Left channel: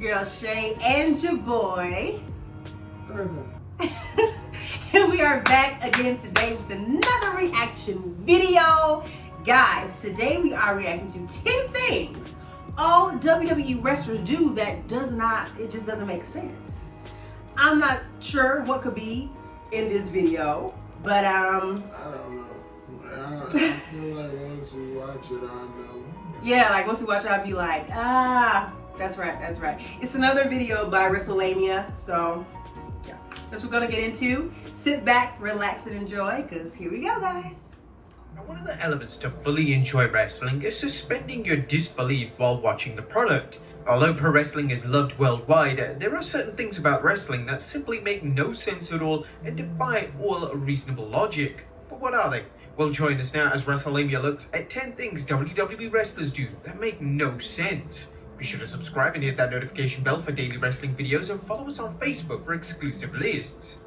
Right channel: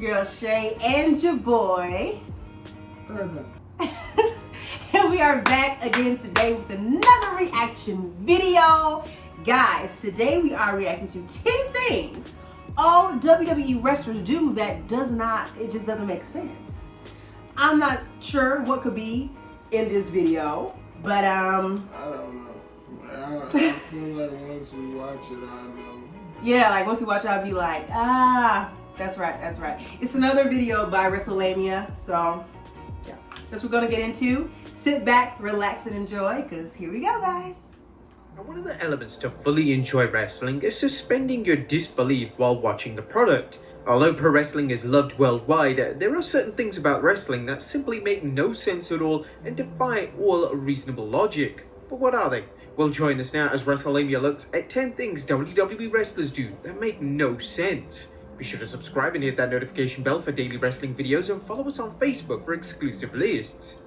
girl Shay and your boy. Third time. And we are back again today with another reaction video. Guys, today we are reacting to 10 things all WWE wrestlers do that it just doesn't make sense. I'm not sure what could be in this video, but I don't know. I feel like once we watch it, I know. Yeah, like once we watch it, I'll be like, that's right. It's another video by WrestleMania, so yeah, that's what we're gonna get into. Sit back, relax, and enjoy, because here we go, guys. Now, one of the elements to fully enjoy wrestling is suspending your disbelief while watching the product. Although pro wrestling is loved worldwide, there are certain things about wrestling that simply make no sense at all and defy all reasonable logic. But what are they? Well, join us now as WrestleMania looks at 10 things WWE wrestlers do that make no sense. Be sure to subscribe and hit that notification bell for daily wrestling videos, and follow us on Facebook for exclusive lists.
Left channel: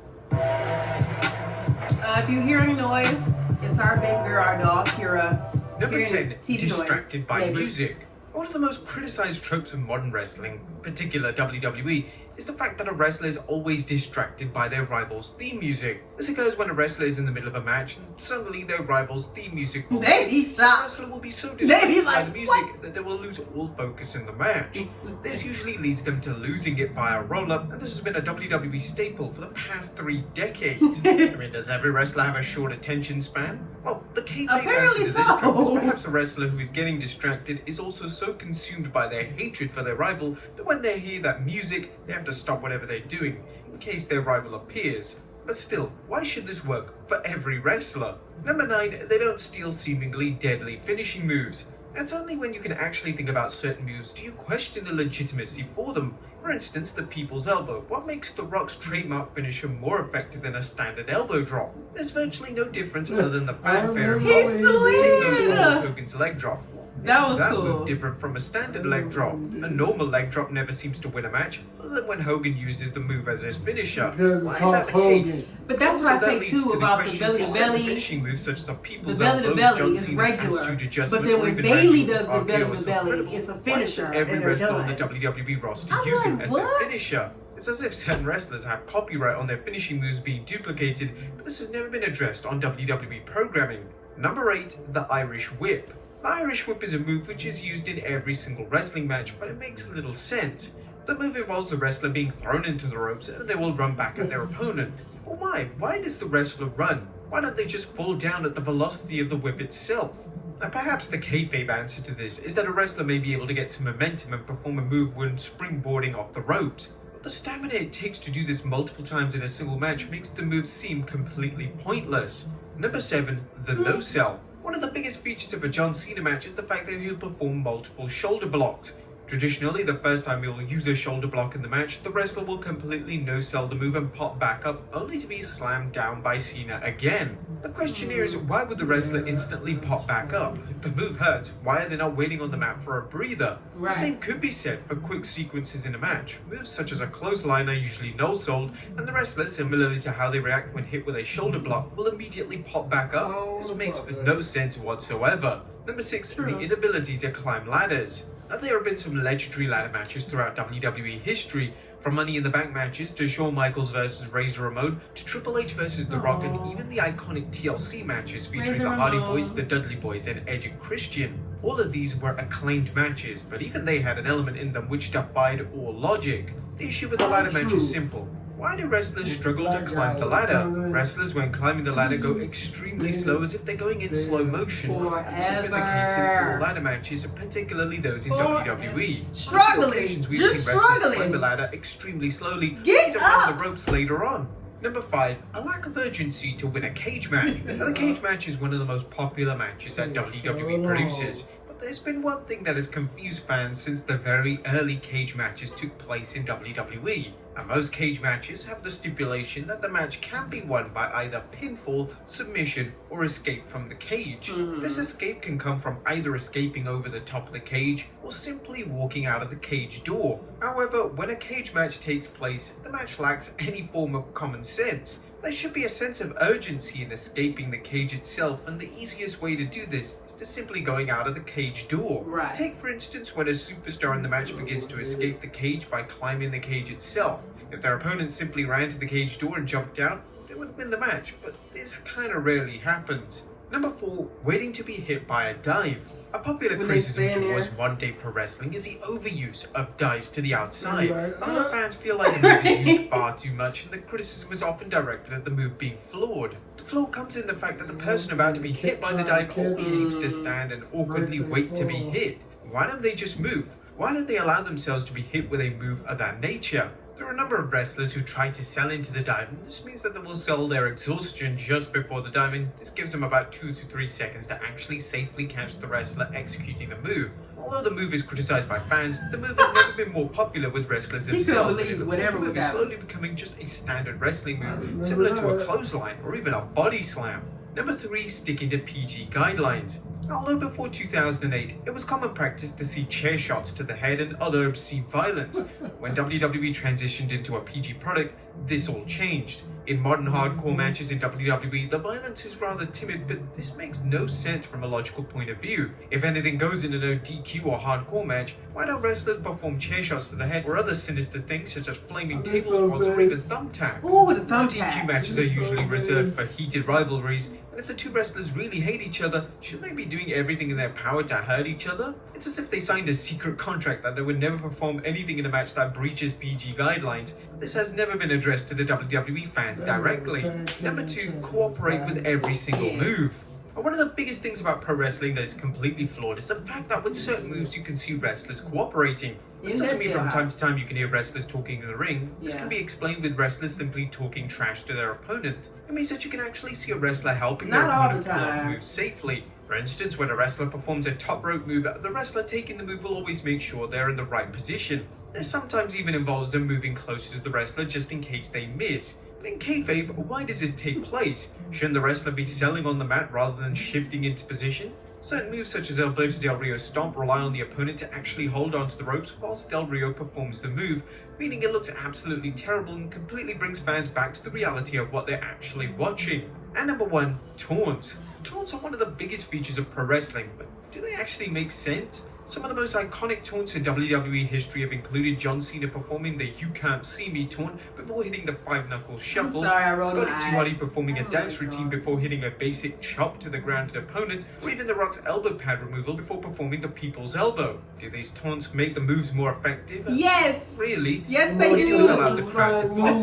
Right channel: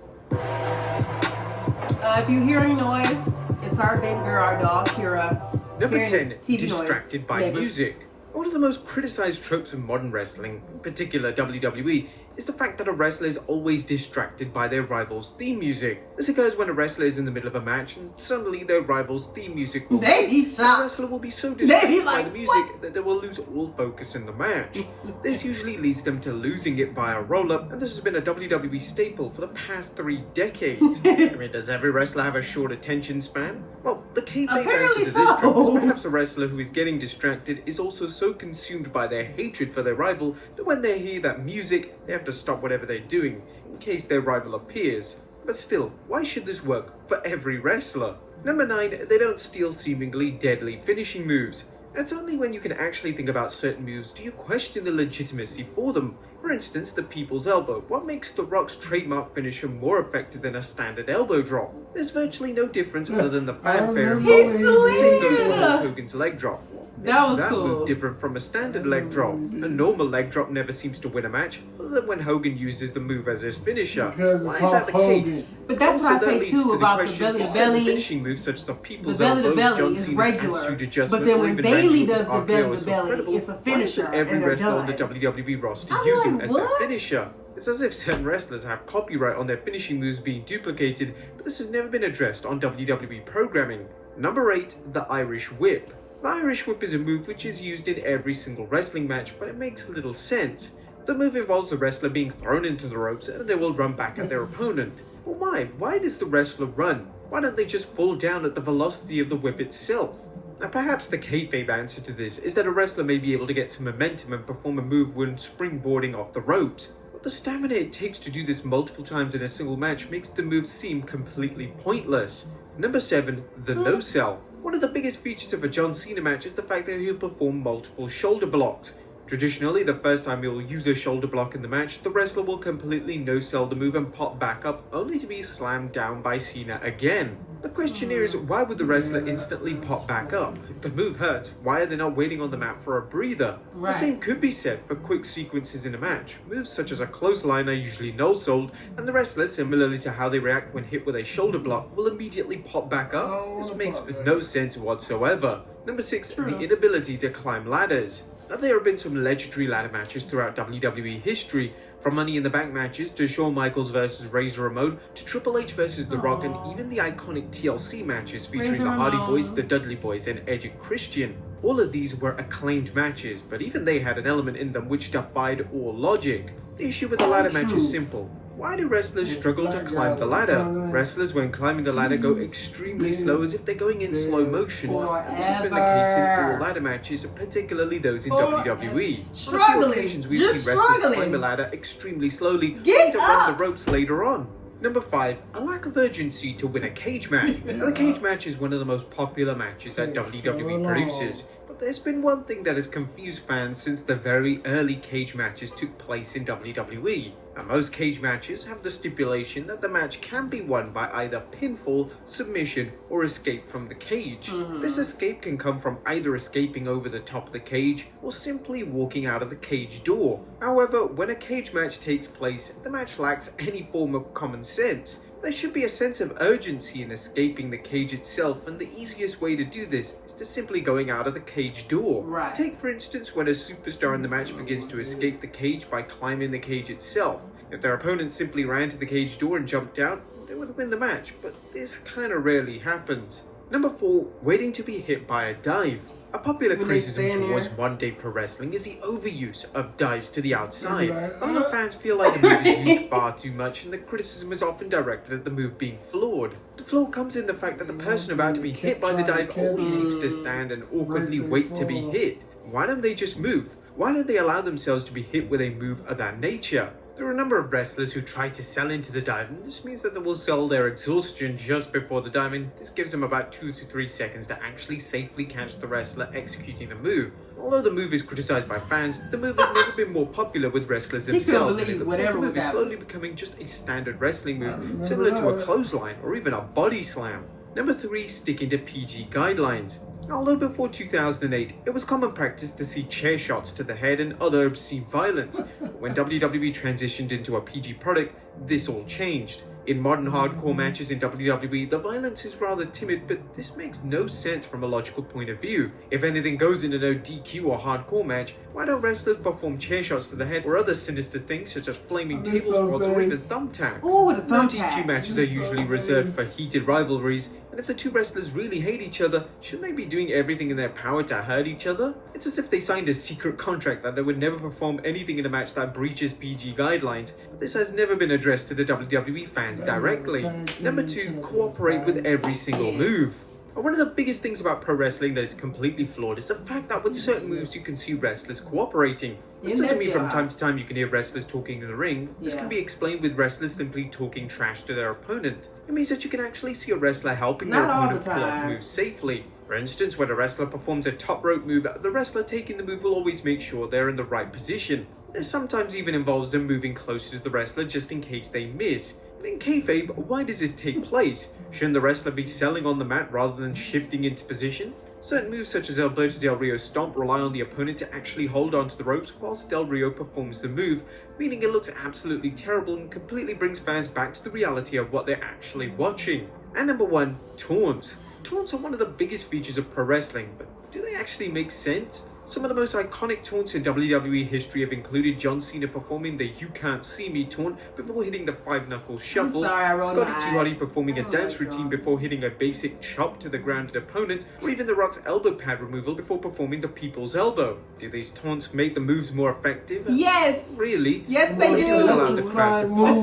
If you hear any noise, it's our big girl, our dog, Kira. Number 10, TV distracted by music. One of the most criticized tropes of modern wrestling, in particular WWE, is the fact that a wrestler is always distracted by their rival's theme music. This occurs when a wrestler is in the middle of a match and suddenly their rival's theme music will play. The wrestler will be so distracted by the music that they will lose all focus in the match. This usually leads them to losing it via roll-up, and this has been a WWE staple for the past 3 decades. I mean, does every wrestler have a short attention span? Well, the kayfabe answer to this trope is perhaps the wrestler who is getting distracted is also so consumed by their hatred for their rival that when they hear that music, they have to stop whatever they're doing in case their rival appears. But still, why should this work for every wrestler? Number 9, they don't steal seemingly deadly finishing moves. It's only when you can actually think about certain moves do you question the legitimacy for them. For instance, the People's Elbow. What makes The Rock's trademark finisher more effective than a standard elbow drop? There's virtually no difference other than the fanfare involved. Same goes for Hulk Hogan's leg drop. That was that cool. move different from a standard leg drop? A normal leg drop never seems to win a match, other than when Hogan uses the move as his finisher. Because Why it's is that Hulk the Hogan. case? But that's Also, what I that say leads too to the about the question, belly do to certain belly. finishing moves such as the The People's belly to Elbow, belly John is Cena's regular, attitude but adjustment, then or when even Bailey Randy does Orton's the belly RKO to is belly, incredible. it's a Why should finisher, every and they're wrestler on the done. WWE roster I'm use like, him as their what? finisher? It's as if certain wrestlers have copyright on their finishing moves being duplicated, but this has never been addressed on WWE programming. Number 8, the Irish Whip. The Irish Whip is a move which is used in every single wrestling match, but it makes little sense. The move involves the wrestler being thrown into the ropes and they will run back at their opponent. But why? Why does the wrestler run? Why don't they just fall down at the velocity of the whip itself? Now, perhaps the kayfabe answer to this is that a wrestler may be able to get some momentum and perform a move when springboarding off the ropes. But the stamina it takes to do this multiple times in a single match makes the move seem completely pointless. Number 7, the no-sell. One of the biggest features of a John Cena match is the fact that he'll perform multiple shoulder blocks. Traditionally, the first time he will use a shoulder block in the match, the wrestler will completely no-sell the move and pop back up, only to be slammed down by Cena again. The question here is, why would the wrestler instantly pop back up? If the move hurts, why are they not waiting on the mat for a breather? Right. The same could be said for quick sequences in a match. Moves such as a clothesline are usually no-sold, and the wrestler, similarly to how they react when hit with a shoulder block, will immediately pop back up. This makes no sense whatsoever. Number 6, the inability to climb ladders. Now, there have been some legendary ladder matches throughout WWE history, from Money in the Bank matches to Shawn Michaels vs Razor Ramon to Triple H vs The Rock, and even the iconic TLC matches featuring the Hardy Boys, the Dudley Boys, and Edge and Christian. All of these were acclaimed matches, but even they had an element in them which defied all logic. The issue with the ladder match is simple. Why do wrestlers struggle to climb the ladder? Wrestlers, when climbing the ladder, go extremely slow as if they're going in slow motion. And this has been the case in all ladder matches, particularly those in WWE. On a few occasions, we've seen wrestlers climb the ladder extremely slowly, only to run the ropes later on. Number 5, a lack of urgency to win a cage match. Now, the cage match is one of the most popular matches that WWE produces. But there's been one thing that has confused fans since the very early cage matches took place in WWE. Now, most cage matches have the stipulation that the match can be won by either pinfall, submission, or escape from the cage. This escape can come from either escaping over the top of the cage or simply walking out of the cage door. However, when a cage match takes place, the match lacks any form of common sense. There should be a sense of urgency in escaping the cage itself, and the easiest way to do this is to simply going out of the cage door. Right. Take for instance when a superstar in the match begins to escape the cage by climbing the cage itself. If their opponent simply ran to the cage door and jumped out, they would win the match, but this kinda rarely happens. Number 4, waiting to be hit by a dive. A popular criticism towards modern day pro wrestling is the overuse of dives to the outside. A lot of fans feel like the move is used far too much, and the criticism is often directed at the move being flawed. The flaw comes in the fact that the person about to be hit by the dive always seems to stand and awkwardly wait to be hit. Why don't they just move? Why don't they allow themselves to be hit with a move of that nature? There are a number of wrestlers who try to sell into the dive, and this means that they will sell their exhaustion just before the dive, and this gives them about 2 to 3 seconds to actually safely catch the wrestler executing the move. Although the move is criticized by fans, the move has never been more popular with wrestlers themselves, and it looks like the move is slowly becoming just a standard wrestling move, similar to a clothesline or even a body slam. Number 3, sticking to PG guidelines. Although before 2008, it was common practice to see chair shots to the head and other obscene violence. When WWE transitioned into a PG product, this all changed. In modern hardcore matches in WWE, the violence is rather timid, but this makes no sense from a logical point of view. If anything goes in a no DQ or hardcore match, why don't wrestlers perform chair shots to the head or other sinister things such as flaming table spots or even thumbtacks? Ooh, the thumbtacks. No DQ matches are usually reserved for heated rivalries, and if the two wrestlers really hate each other, shouldn't they be doing everything in their power to hurt each other? It's as if they signed a secret contract that they would never perform anything in a match that breaches PG guidelines. This has never been addressed to the WWE fans directly. Number 2, cooperate with every single move. One of the biggest things about pro wrestling that is completely flawed is the fact that with certain moves you can see wrestlers cooperating. This doesn't mean from time to time you can hear wrestlers talking in the ring. This can be explained with wrestlers simply talking trash to their opponent. It means that you can actually see a wrestler helping their opponent pull off moves safely. For instance, when a wrestler performs a top rope move, the wrestler taking the move will always make sure they're in the right position. This sometimes even involves them moving closer to the wrestler just in case they miss. In kayfabe, why does this take place? Shouldn't the wrestler be selling on the mat rather than shifting into position? Certain moves such as Alberto Del Rio's stomp rely on the opponent to actually hold onto the ropes whilst Del Rio performs the move, meaning it looks absolutely terrible and completely brings fans back to the reality of what they're actually watching. And number 1, taunts. Taunts are one of the biggest features of pro wrestling, but do they actually make sense? Some of the most iconic taunts in WWE history have included John Cena performing the "You Can't See Me" taunt before hitting the 5-knuckle shuffle, Scotty 2 Hotty performing a dance routine before hitting a basic chop to the grounded opponent, or even The Rock's elbow pad removal before performing the People's Elbow. Do these taunts make the moves more effective? Yes! Really? Yes, they do!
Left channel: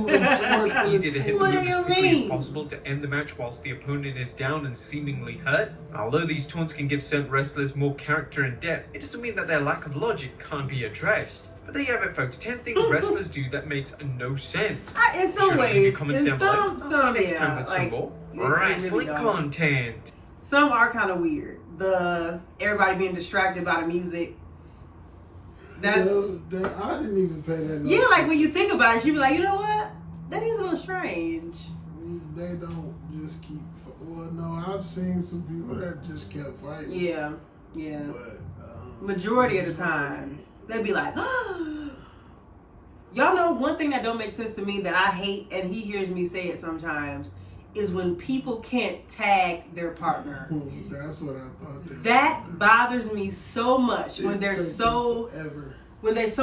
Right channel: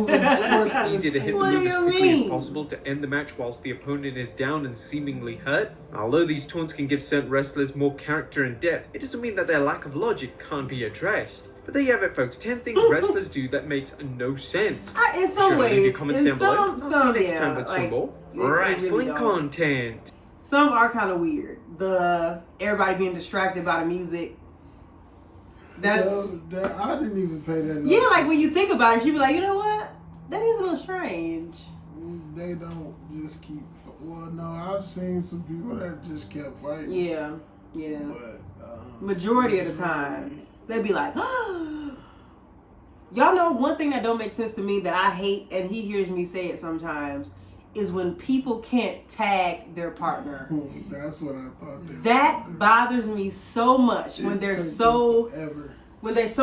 It's easier to hit the move as quickly as possible to end the match whilst the opponent is down and seemingly hurt. Although these taunts can give certain wrestlers more character and depth, it doesn't mean that their lack of logic can't be addressed. But there you have it, folks. 10 things wrestlers do that makes no sense. In some ways, leave your comments down below. some, I'll see you next time with some more wrestling content. Some are kind of weird. Everybody being distracted by the music. That's I didn't even pay that. Yeah, like when you think about it, you be like, you know what? That is a little strange. They don't just keep. Well, no, I've seen some people that just kept fighting. Yeah, yeah. But majority of the time, they'd be like, oh. Y'all know one thing that don't make sense to me that I hate, and he hears me say it sometimes, is when people can't tag their partner. That's what I thought. That bothers me so much when they're so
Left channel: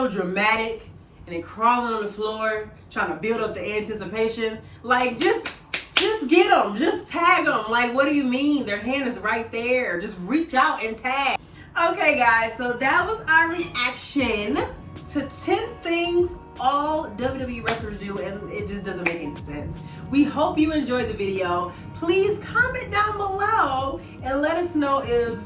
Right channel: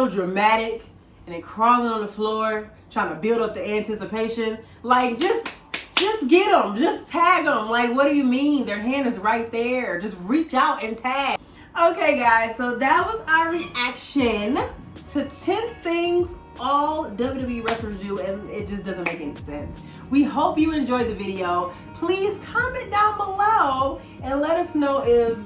dramatic and they crawling on the floor trying to build up the anticipation. Like just get them, just tag them. Like, what do you mean? Their hand is right there. Just reach out and tag. Okay, guys, so that was our reaction to 10 things all WWE wrestlers do, and it just doesn't make any sense. We hope you enjoyed the video. Please comment down below and let us know if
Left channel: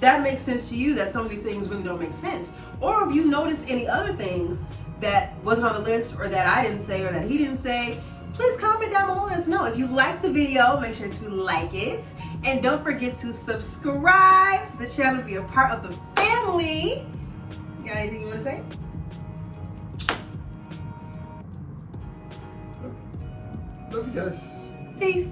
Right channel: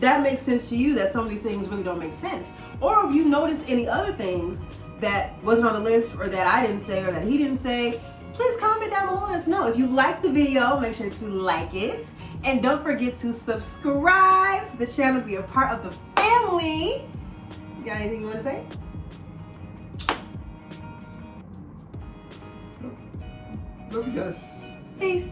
that makes sense to you, that some of these things really don't make sense. Or if you noticed any other things that wasn't on the list, or that I didn't say, or that he didn't say. Please comment down below and let us know. If you like the video, make sure to like it. And don't forget to subscribe to the channel to be a part of the family. You got anything you want to say? Love you guys. Peace.